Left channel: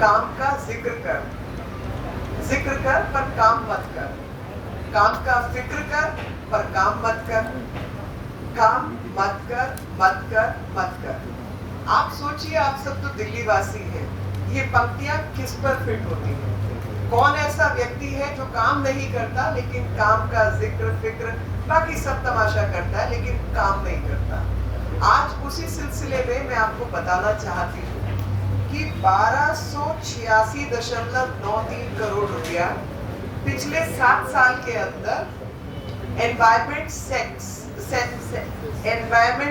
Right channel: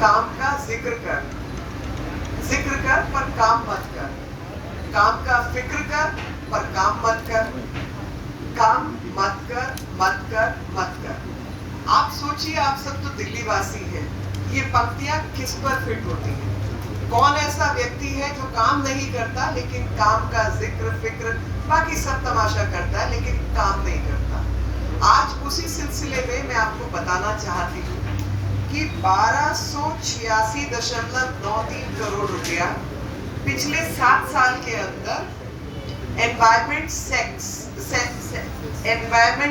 काम का जिक्र कर पर काम मत कर, काम का फिक्र कर पर काम मत कर, काम मत कर मत कर मत कर। आप सोचिए, आप सब तो दिल्ली वासी हैं, ये पंक्तियां किस पर फिट होती हैं? कौन ऐसा व्यक्ति है जो काम नहीं करता लेकिन काम का जिक्र फिक्र बाकी सब तमाशा करता है लेकिन काम नहीं करता? आज उसी सिलसिले में मैं आपको बताना चाहती हूँ कि 1286.93 करोड़ रुपया पिछले 7 साल के अंदर एनवायरमेंट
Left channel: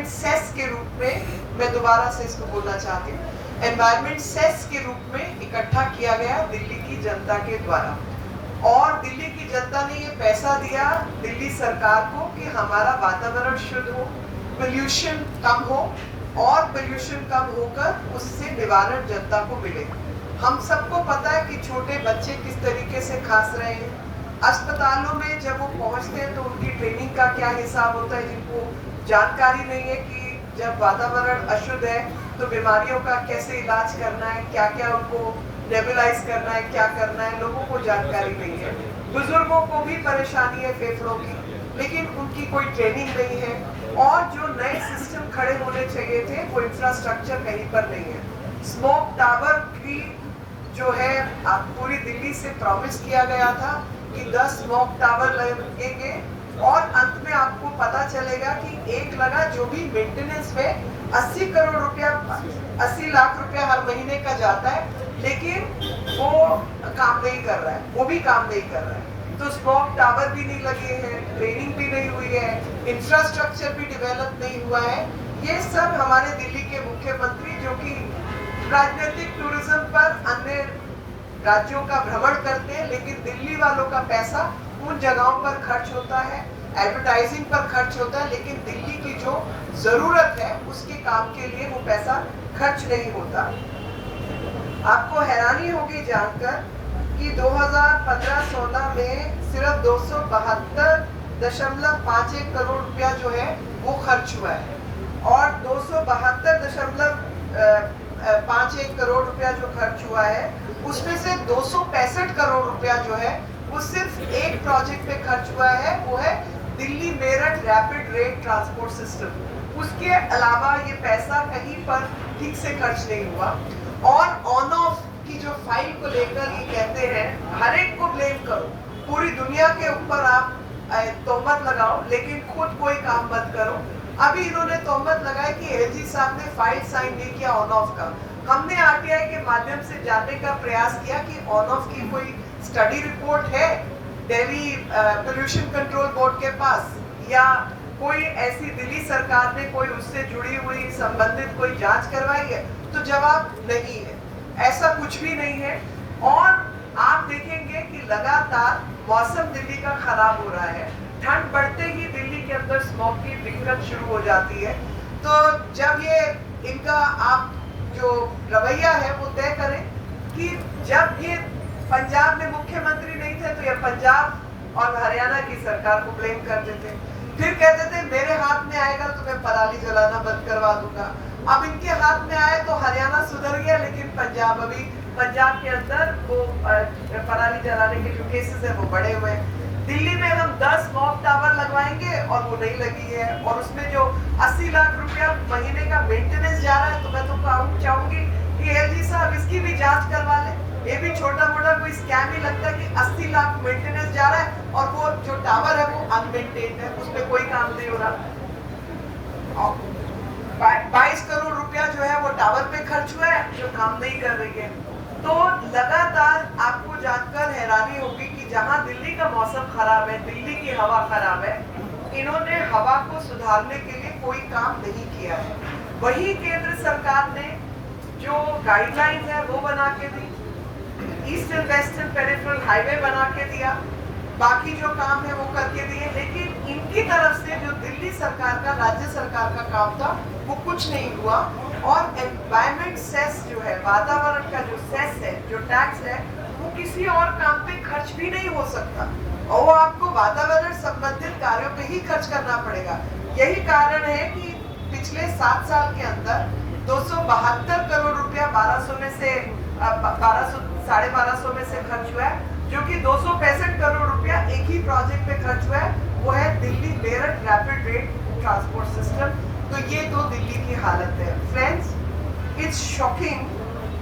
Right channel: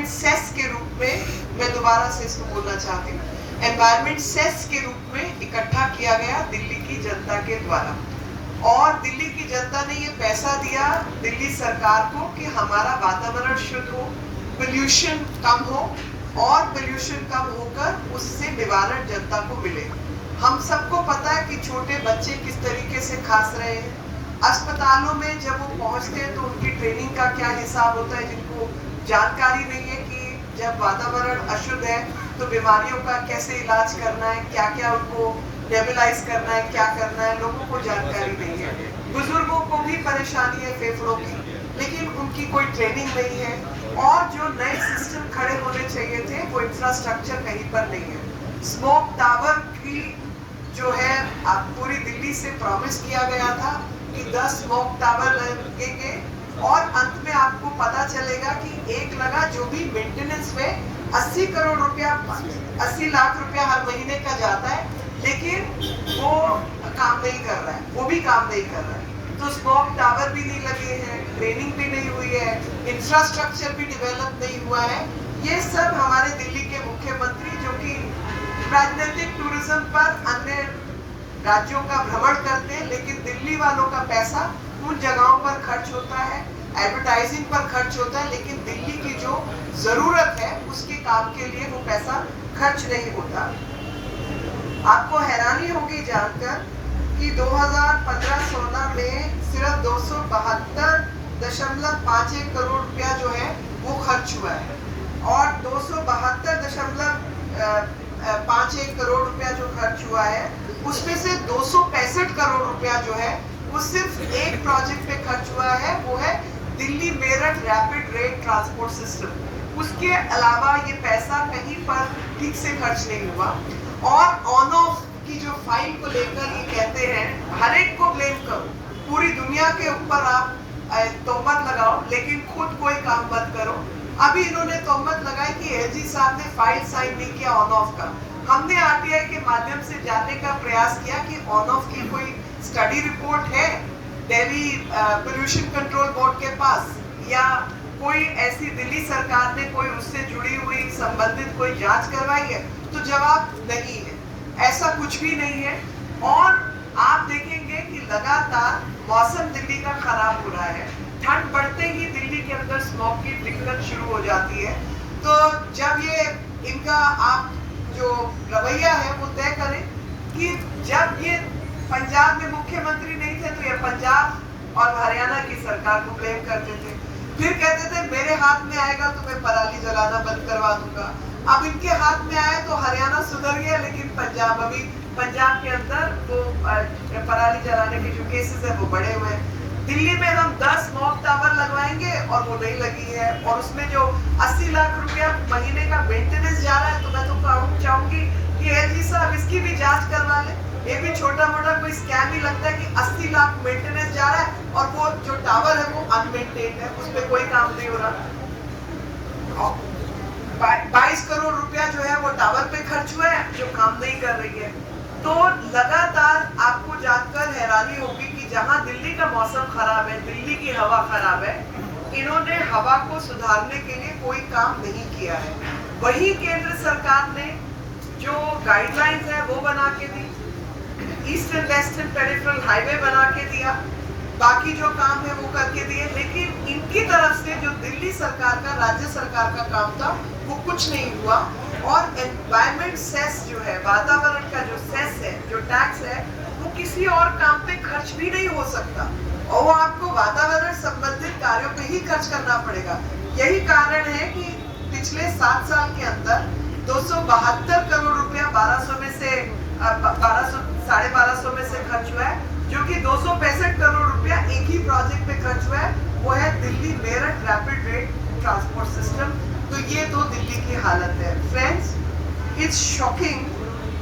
सेस के रूप में, मैं दोबारा से इसको बोलना चाहती हूँ, एनवायरमेंट सेस के रूप में इकट्ठा किया गया दिल्ली की जनता के द्वारा। और दिल्ली की जनता ने ये पैसा दिया दिल्ली सरकार को कि हमारा वातावरण शुद्ध हो, पोल्यूशन कम हो, और पोल्यूशन कम होकर उससे निवारण जनता को मिले। हम सबको पता है कि छोटे बच्चे किस तरीके से खांस रहे हैं। अस्पतालों में जब वो पहुंचते हैं तो उनकी ट्रेनिंग का क्या हिसाब होता है, जिनको जानकारी नहीं है कि जब वातावरण अशुद्ध है तो बीमारियों का कैसे इलाज करना है, क्या क्या उनको नेबुलाइज करना है, क्या करना है, लोगों को जानकारी नहीं है। बुजुर्गों को भी परेशानी है फेफड़ों की, लेकिन उनकी कोई ट्रेनिंग नहीं है, और जो नए सिस्टम खड़े होने चाहिए थे वो इंफ्रास्ट्रक्चर कहीं पर नहीं है। स्मोक टावर की जो है पूरी दिल्ली से प्रॉमिस किया गया था कि 10 स्मोक टावर लगेंगे, और अंत में आपको पता चलेगा कि एक लगा जो भी मेंटेनेंस में 80 करोड़ रुपया, 80 लाख रुपया हर महीने का जाता है, लेकिन वो काम नहीं कर रहा है, वो भी काम नहीं कर रहा है। तो स्मोक टावर भी नहीं लगे हैं, ट्रेनिंग भी नहीं हुई है, इंफ्रास्ट्रक्चर भी डेवलप नहीं हुआ है। ये सब हमारे दिल्ली के मुख्यमंत्री, जो कि राजनीतिक टूरिज्म पर अन्य राज्यों का भ्रमण करते हैं, लेकिन दिल्ली वालों का पैसा उन जगहों पर खर्च होता है, एडवर्टाइजिंग पर खर्च होता है, लेकिन दिल्ली की जो जरूरत है उसके काम के लिए वो पैसा खर्च नहीं होता। आपको हैरानी होगी जानकर कि 2015-16 में सिर्फ 272.51 करोड़ रुपया जो है वो खर्च हुआ है, और 272.51 करोड़ रुपया जो खर्च हुआ है उसमें से 265 करोड़ रुपया जो है वो सिर्फ एक प्रोजेक्ट पे खर्च हुआ है, वो है Delhi Meerut rapid rail transport system. उसके अलावा ये पैसा कहीं पर ठीक से खर्च नहीं हुआ। और ऑन ऑफ की जो फाइल को लेकर ये कहते हैं हर एक को ब्लेम करो, पूरी दुनिया के ऊपर आप तोहमत लगाओ, लेकिन खुद कोई काम मत करो। अभी इन्होंने तोहमत लगाई कि एलजी साहब ने फाइल साइन नहीं किया ऑन ऑफ का। हमने आरटीआई के माध्यम से जानने का प्रयास किया कि ऑन ऑफ की कोई स्टडी रिपोर्ट है दिल्ली पोल्यूशन कंट्रोल बोर्ड के पास, या कोई ऐसी दिल्ली सरकार ने कोई उससे जुड़ी हुई संबंधित कोई जांच करवाई है? तो जवाब नहीं है, ऐसा कुछ भी नहीं है। और आप देखेंगे कि लगातार मौसम दिल्ली का खराब हो रहा है, ठंड बढ़ते ही दिल्ली के अंदर स्मॉग की दिक्कत शुरू हो जाती है। तो जब ये इनका आप जो रवैया है वो तय करें कि जब ये पंजाब में मुख्यमंत्री नहीं थे तो ये पंजाब और हरियाणा की सरकार को ब्लेम करते थे, फिर कहते थे मेरे हाथ में आएगा तो मैं पराली जलाना बंद करवा दूंगा। अब इनके हाथ में आए तो हरियाणा सुधर गया, लेकिन पंजाब, अभी पंजाब के अंदर वो पराली जलाने के जो केसेस है वो बढ़े हुए हैं। दिल्ली में हम 10 स्मॉग टावर लगवाएंगे और वो नहीं लगी है, और उसमें जो 80 लाख रुपया महीने का मेंटेनेंस जा रहा है, तो मैं तो चाहूंगी कि एलजी साहब इसकी भी जांच करवा ले। ये भी छोटा मोटा कोई स्कैम ही लगता है कि 80 लाख मेंटेनेंस जा रहा है और वो जो टावर है वो अनमेंटेन्ड है, उसमें कोई काम नहीं हो रहा। 22 करोड़ रुपया जो है वो टावर पे खर्च हुआ है, जो काम नहीं कर रही है। तो लगातार आपको जानकर हैरानी होगी कि जहां दिल्ली का मौसम खराब है, दिल्ली की हवा खराब है, इन्होंने हवा को सुधारने के लिए कोई काम नहीं किया है। वही केंद्र सरकार ने जो गाइडलाइंस है वो बना के दी, ईस्टर्न वेस्टर्न पेरिफेरल हाईवे बना के दिया, बाकी जो काम है वो करके दिए, लेकिन इनकी तरफ से जो दिल्ली सरकार का, राज्य सरकार का काम था वो कुछ नहीं हुआ। और एनवायरमेंट सेस जो है, वातावरण का जो सेस है, जो टैक्स है, वो किसी और काम पे खर्च भी नहीं हो सकता, और वो आपको वातावरण संबंधित कार्यों पे ही खर्च करना पड़ेगा। यही कारण है कि पिछले 7 साल के अंदर 272 करोड़ रुपया 1200 में से 1250 में से खर्च हुआ है, जो कि 265 करोड़ रुपया एक ही प्रोजेक्ट पे खर्च हुआ है, वो है Delhi Meerut rapid rate transport system. तो ये तो दिल्ली की हालत है फ्रेंड्स। It's shocking